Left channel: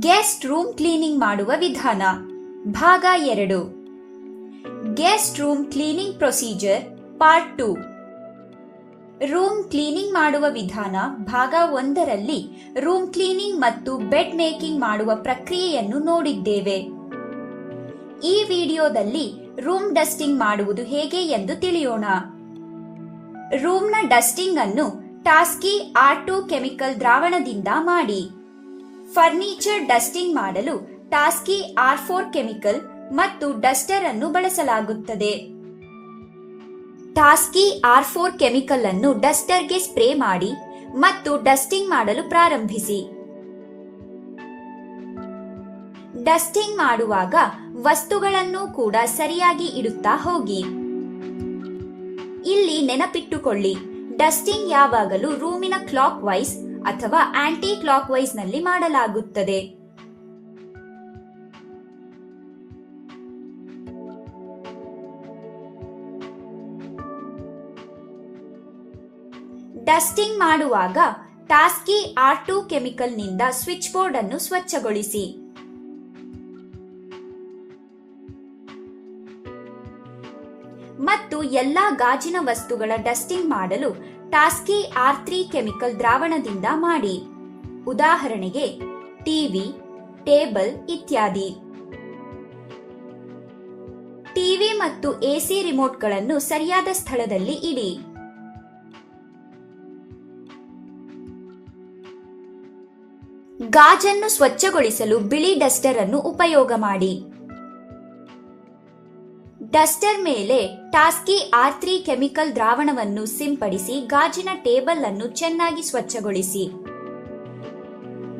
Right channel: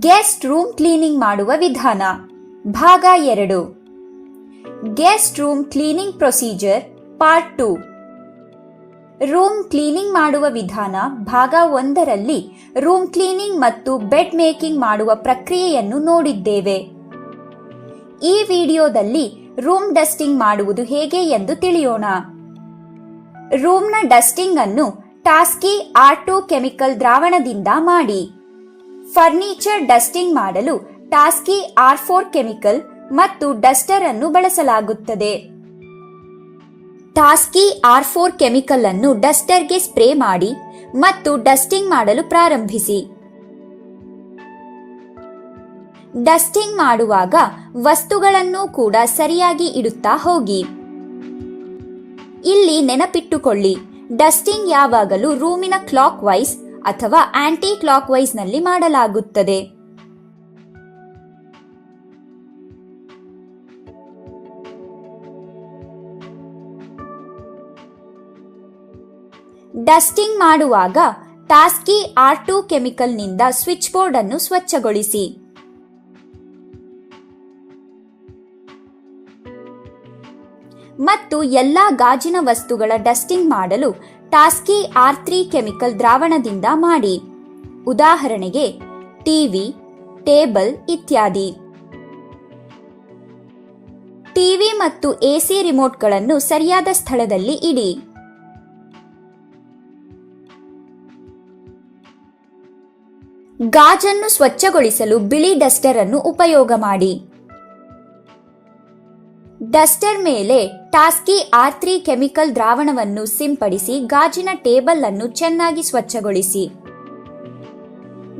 Guest room cleaning ಮಾಡುವ ವಿಧಾನ. ಭಾಗ ಎರಡು. Guest room cleaning procedure, part two. Room cleaning ಮಾಡುವ ವಿಧಾನ ಭಾಗ ಒಂದರಲ್ಲಿ ರೂಮ್ ಕ್ಲೀನಿಂಗ್ ಮತ್ತು ಬೆಡ್ ಮೇಕಿಂಗ್ ಮಾಡುವ ಪ್ರಕ್ರಿಯೆಯನ್ನು ನೋಡಿದ್ದೇವೆ. ಈ ವಿಡಿಯೋದಲ್ಲಿ ರೂಮ್ ಡಸ್ಟಿಂಗ್ ಮಾಡುವುದು ಹೇಗೆ ಎಂದು ತಿಳಿಯೋಣ. ರೂಮ್ನ ಡಸ್ಟಿಂಗ್ ಅನ್ನು ಟಾಸ್ಕಿ ಆರ್ ಟು ಕೆಮಿಕಲ್ ದ್ರಾವಣದಿಂದ ಮಾಡಿ. ಫರ್ನಿಚರ್ ಡಸ್ಟಿಂಗ್ ಮಾಡಲು ಟಾಸ್ಕಿ ಆರ್ ಫೋರ್ ಕೆಮಿಕಲ್ ಮತ್ತು ಡಸ್ಟರ್ ಅನ್ನು ಬಳಸಲಾಗುತ್ತದೆ. ಟಾಸ್ಕಿ ಆರ್ ಫೋರ್ ಕೆಮಿಕಲ್ ಅನ್ನು ಡಸ್ಟರ್ಗೆ ಸ್ಪ್ರೇ ಮಾಡಿ ಮತ್ತು ಡಸ್ಟಿಂಗ್ ಮಾಡಲು ಪ್ರಾರಂಭಿಸಿ. ಡಸ್ಟಿಂಗ್ ಮಾಡುವಾಗ ವಸ್ತುಗಳನ್ನು ಕೂಡ ಸರಿಯಾಗಿ ಇಡುತ್ತಾ ಹೋಗಿ. ಇಲ್ಲಿ ನೆನಪಿಟ್ಟುಕೊಳ್ಳಿ, ಡಸ್ಟಿಂಗ್ ಯಾವಾಗಲೂ ರೂಮಿನ ಕ್ಲಾಕ್ ವೈಸ್ ಅಥವಾ ಆಂಟಿ ಕ್ಲಾಕ್ ವೈಸ್ನಲ್ಲಿ ಮಾಡಲಾಗುತ್ತದೆ. ಡಸ್ಟಿಂಗ್ ಮಾಡುವಾಗ ಟಾಸ್ಕಿ ಆರ್ ಟು ಕೆಮಿಕಲ್ನಿಂದ ಸ್ವಿಚ್ ಬೋರ್ಡ್ ಅನ್ನು ಸ್ವಚ್ಛಗೊಳಿಸಿ. ಮತ್ತು ಎಲ್ಲಾ ಗಾಜಿನ ವಸ್ತುಗಳ ಡಸ್ಟಿಂಗ್ ಮಾಡಲು ಟಾಸ್ಕಿ ಆರ್ ತ್ರೀ ಕೆಮಿಕಲ್ ದ್ರಾವಣದಿಂದ ಮಾಡಿ. ಉದಾಹರಣೆಗೆ ಟಿವಿ ಟೇಬಲ್ ಇತ್ಯಾದಿ. ಟಿವಿ ಮತ್ತು ಎಸಿ ರಿಮೋಟ್ಗಳನ್ನು ಸರಿಯಾದ ಸ್ಥಳದಲ್ಲಿ ಇಡಿ. ಗಾಜನ್ನು ಸ್ವಚ್ಛಗೊಳಿಸಲು ಬಿಳಿ ಡಸ್ಟರ್ ಅನ್ನು ಉಪಯೋಗ ಮಾಡಿ. ಡಸ್ಟರ್ ಮೇಲೆ ಟಾಸ್ಕಿ ಆರ್ ತ್ರೀ ಕೆಮಿಕಲ್ ದ್ರಾವಣವನ್ನು ಸಿಂಪಡಿಸಿ ಗಾಜಿನ ಟೇಬಲ್ ಅನ್ನು ಚೆನ್ನಾಗಿ ಸ್ವಚ್ಛಗೊಳಿಸಿ.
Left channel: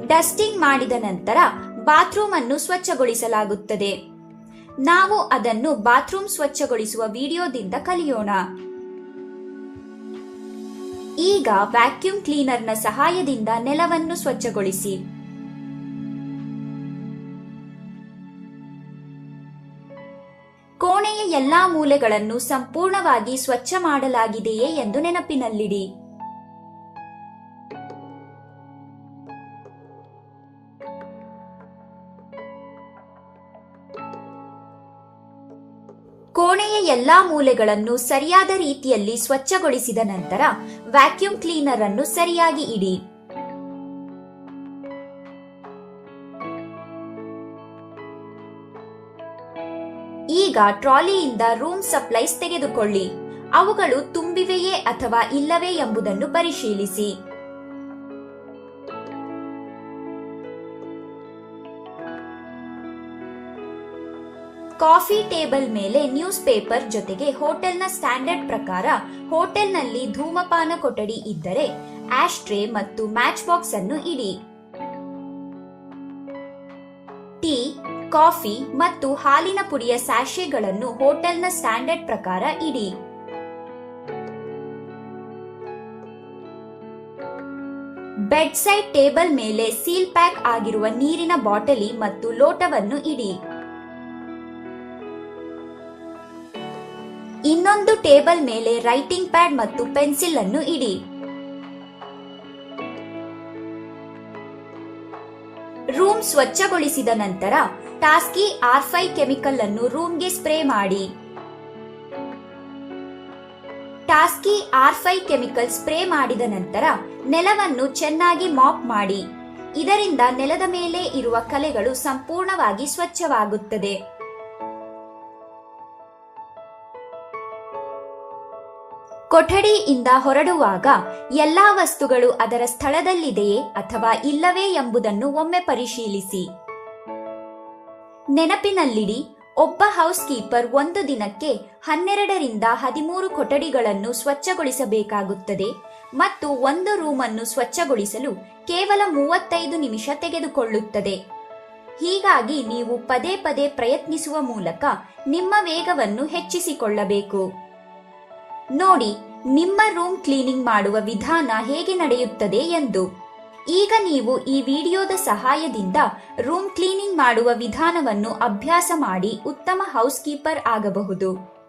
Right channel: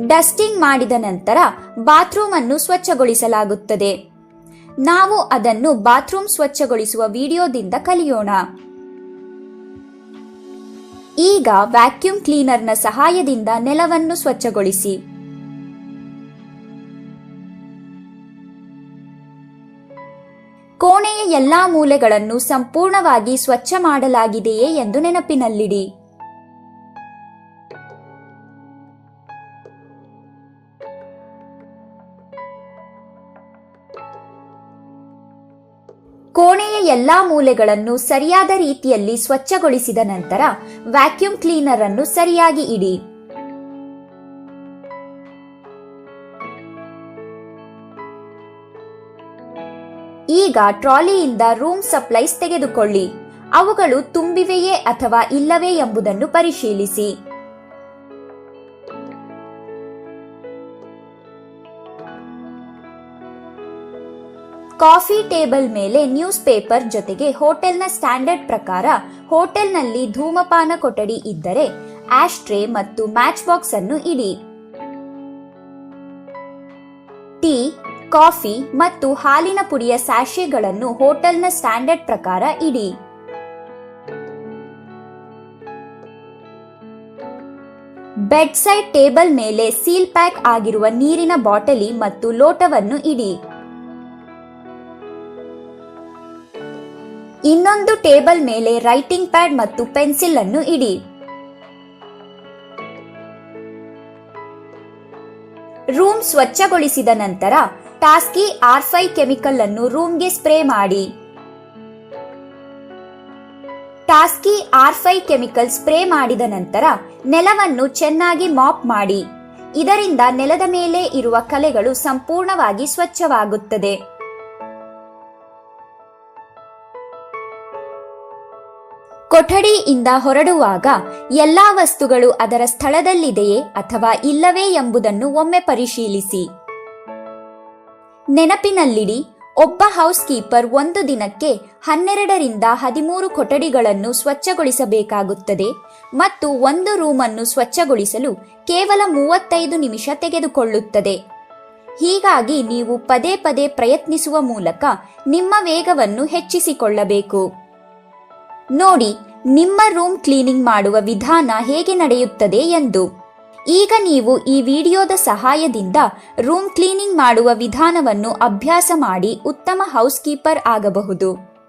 ಡಸ್ಟಿಂಗ್ ಮಾಡಿದ ನಂತರ ಬಾತ್ರೂಮ್ ಅನ್ನು ಸ್ವಚ್ಛಗೊಳಿಸಲಾಗುತ್ತದೆ. ನಾವು ಅದನ್ನು ಬಾತ್ರೂಮ್ ಸ್ವಚ್ಛಗೊಳಿಸುವ ವಿಡಿಯೋದಿಂದ ಕಲಿಯೋಣ. ಈಗ ವ್ಯಾಕ್ಯೂಮ್ ಕ್ಲೀನರ್ನ ಸಹಾಯದಿಂದ ನೆಲವನ್ನು ಸ್ವಚ್ಛಗೊಳಿಸಿ. ಕೋಣೆಯ ಎಲ್ಲಾ ಮೂಲೆಗಳನ್ನು ಸಂಪೂರ್ಣವಾಗಿ ಸ್ವಚ್ಛ ಮಾಡಲಾಗಿದೆಯೇ ಎಂದು ನೆನಪಿನಲ್ಲಿಡಿ. ಕೋಣೆಯ ಎಲ್ಲಾ ಮೂಲೆಗಳನ್ನು ಸರಿಯಾದ ರೀತಿಯಲ್ಲಿ ಸ್ವಚ್ಛಗೊಳಿಸಿದ ನಂತರ ವ್ಯಾಕ್ಯೂಮ್ ಕ್ಲೀನರ್ ಅನ್ನು ಸರಿಯಾಗಿ ಇಡಿ. ಈಗ ಟ್ರಾಲಿಯಿಂದ ರೂಮ್ ಸಪ್ಲೈಸ್ ತೆಗೆದುಕೊಳ್ಳಿ. ಅವುಗಳು ತುಂಬಿವೆಯೇ ಅಥವಾ ಇಲ್ಲವೇ ಎಂಬುದನ್ನು ಪರಿಶೀಲಿಸಿ. ಕಾಫಿ ಟೇಬಲ್ ಮೇಲೆ ನ್ಯೂಸ್ ಪೇಪರ್ ಜೊತೆಗೆ ಹೋಟೆಲ್ನ ಸ್ಟ್ಯಾಂಡರ್ಡ್ ಪ್ರಕಾರ ಹೋಟೆಲ್ನಲ್ಲಿ ಧೂಮಪಾನ ಕೊಠಡಿ ಇದ್ದರೆ ಆಶ್ ಟ್ರೇ ಮತ್ತು ಮ್ಯಾಚ್ ಬಾಕ್ಸ್ ಅನ್ನು ಇಡಿ. ಕಾಫಿ ಮತ್ತು ಹಾಲಿನ ಪುಡಿಯ ಸ್ಯಾಶೆಗಳನ್ನು ಹೋಟೆಲ್ನ ಸ್ಟ್ಯಾಂಡರ್ಡ್ ಪ್ರಕಾರ ಇಡಿ. ಬೆಡ್ ಸೈಡ್ ಟೇಬಲ್ ಮೇಲೆ ಸೀಲ್ ಪ್ಯಾಕ್ ಆಗಿರುವ ನೀರಿನ ಬಾಟಲಿ ಮತ್ತು ಲೋಟವನ್ನು ಇಡಿ. ಇನ್ನೊಂದು ಟೇಬಲ್ ಮೇಲೆ ರೈಟಿಂಗ್ ಪ್ಯಾಡ್ ಮತ್ತು ಪೆನ್ಸಿಲ್ ಅನ್ನು ಇಡಿ. ರೂಮ್ ಸ್ವಚ್ಛಗೊಳಿಸಿದ ನಂತರ ಟಾಸ್ಕಿ ಆರ್ ಫೈ ಕೆಮಿಕಲ್ ಅನ್ನು ರೂಮ್ಗೆ ಸ್ಪ್ರೇ ಮಾಡಿ. Taski R five chemical spray ಮಾಡಿದ ನಂತರ ನೆಲವನ್ನು ಚೆನ್ನಾಗಿ ಮಾಪ್ ಮಾಡಿ. ಇದರಿಂದ ನೆಲದ ಮೇಲೆ ಇರುವ ಕಲೆಗಳು ಸಂಪೂರ್ಣವಾಗಿ ಸ್ವಚ್ಛವಾಗುತ್ತದೆ. ಕೊಠಡಿಯಿಂದ ಹೊರಡುವಾಗ ಎಲ್ಲಾ ವಸ್ತುಗಳು ಅದರ ಸ್ಥಳದಲ್ಲಿದೆಯೇ ಅಥವಾ ಇಲ್ಲವೇ ಎಂಬುದನ್ನು ಒಮ್ಮೆ ಪರಿಶೀಲಿಸಿ. ನೆನಪಿನಲ್ಲಿಡಿ, ಒಬ್ಬ ಹೌಸ್ ಕೀಪರ್ ಒಂದು ದಿನಕ್ಕೆ ಹನ್ನೆರಡರಿಂದ ಹದಿಮೂರು ಕೊಠಡಿಗಳನ್ನು ಸ್ವಚ್ಛಗೊಳಿಸಬೇಕಾಗುತ್ತದೆ ಮತ್ತು ಒಂದು ರೂಮನ್ನು ಸ್ವಚ್ಛಗೊಳಿಸಲು ಕೇವಲ ಮೂವತ್ತೈದು ನಿಮಿಷ ತೆಗೆದುಕೊಳ್ಳುತ್ತದೆ. ಹೀಗಾಗಿ ನೀವು ಪದೇ ಪದೇ ಪ್ರಯತ್ನಿಸುವ ಮೂಲಕ ನಿಮ್ಮ ವೇಗವನ್ನು ಹೆಚ್ಚಿಸಿಕೊಳ್ಳಬೇಕು. ನೋಡಿ, ನಿಮ್ಮ ರೂಮ್ ಕ್ಲೀನಿಂಗ್ ಮಾಡುವ ವಿಧಾನ ಹೇಗೆ ನಡೆಯುತ್ತದೆ ಎಂದು. ಈಗ ನೀವು ಈ ವಿಡಿಯೋದ ಸಹಾಯದಿಂದ ರೂಮ್ ಕ್ಲೀನಿಂಗ್ ಮಾಡುವ ವಿಧಾನವನ್ನು ಅಭ್ಯಾಸ ಮಾಡಿ ಉತ್ತಮ ಹೌಸ್ ಕೀಪರ್ ಆಗಬಹುದು.